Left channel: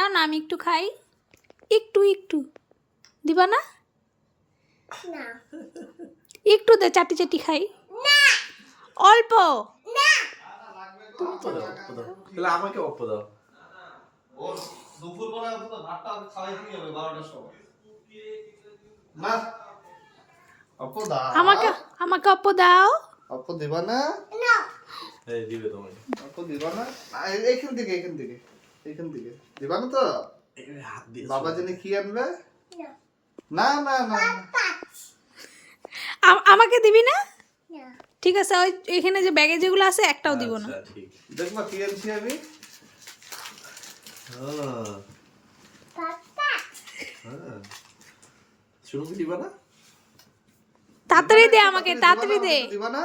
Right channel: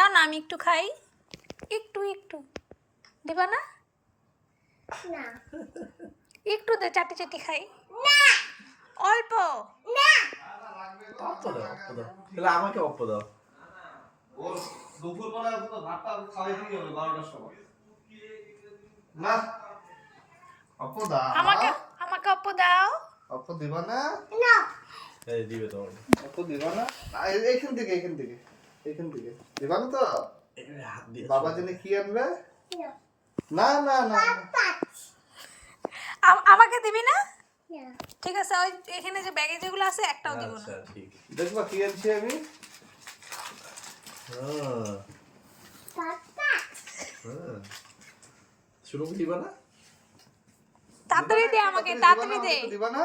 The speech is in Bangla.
দাও না, আমি একটু খাই। একটু একটু দিবা না? না একটু দে, চাটি চাটি খাই। অল্প। অপ্প দাও, তাহলে আমাকে অপ্প দাও। ওর দুপুরবেলা তো ভাতটা খাওয়াইতেই হবে 12টার সময়। না অপ্প দাও, আমাকে আমাকে অল্প দাও। অপ্প দিবা না? না এই দিবে তোমাকে। অপ্প দিবা না? এইখান থেকে দিবা না তো? এই হাত দিয়ে বাবা জেনে কি আনবে? না না না না পাঁচ আমাকে দিবি না? না ঠিক আছে, ওই এখানে যে ব্যাগে যেগুলো আছে একটাও দিব না। আচ্ছা ঠিক। দেখবা কি আনছি আমি? হ্যাঁ হ্যাঁ, শুরু কি দিবা না? তাড়াতাড়ি দে আমাকে, তাড়াতাড়ি দে। দিবা না?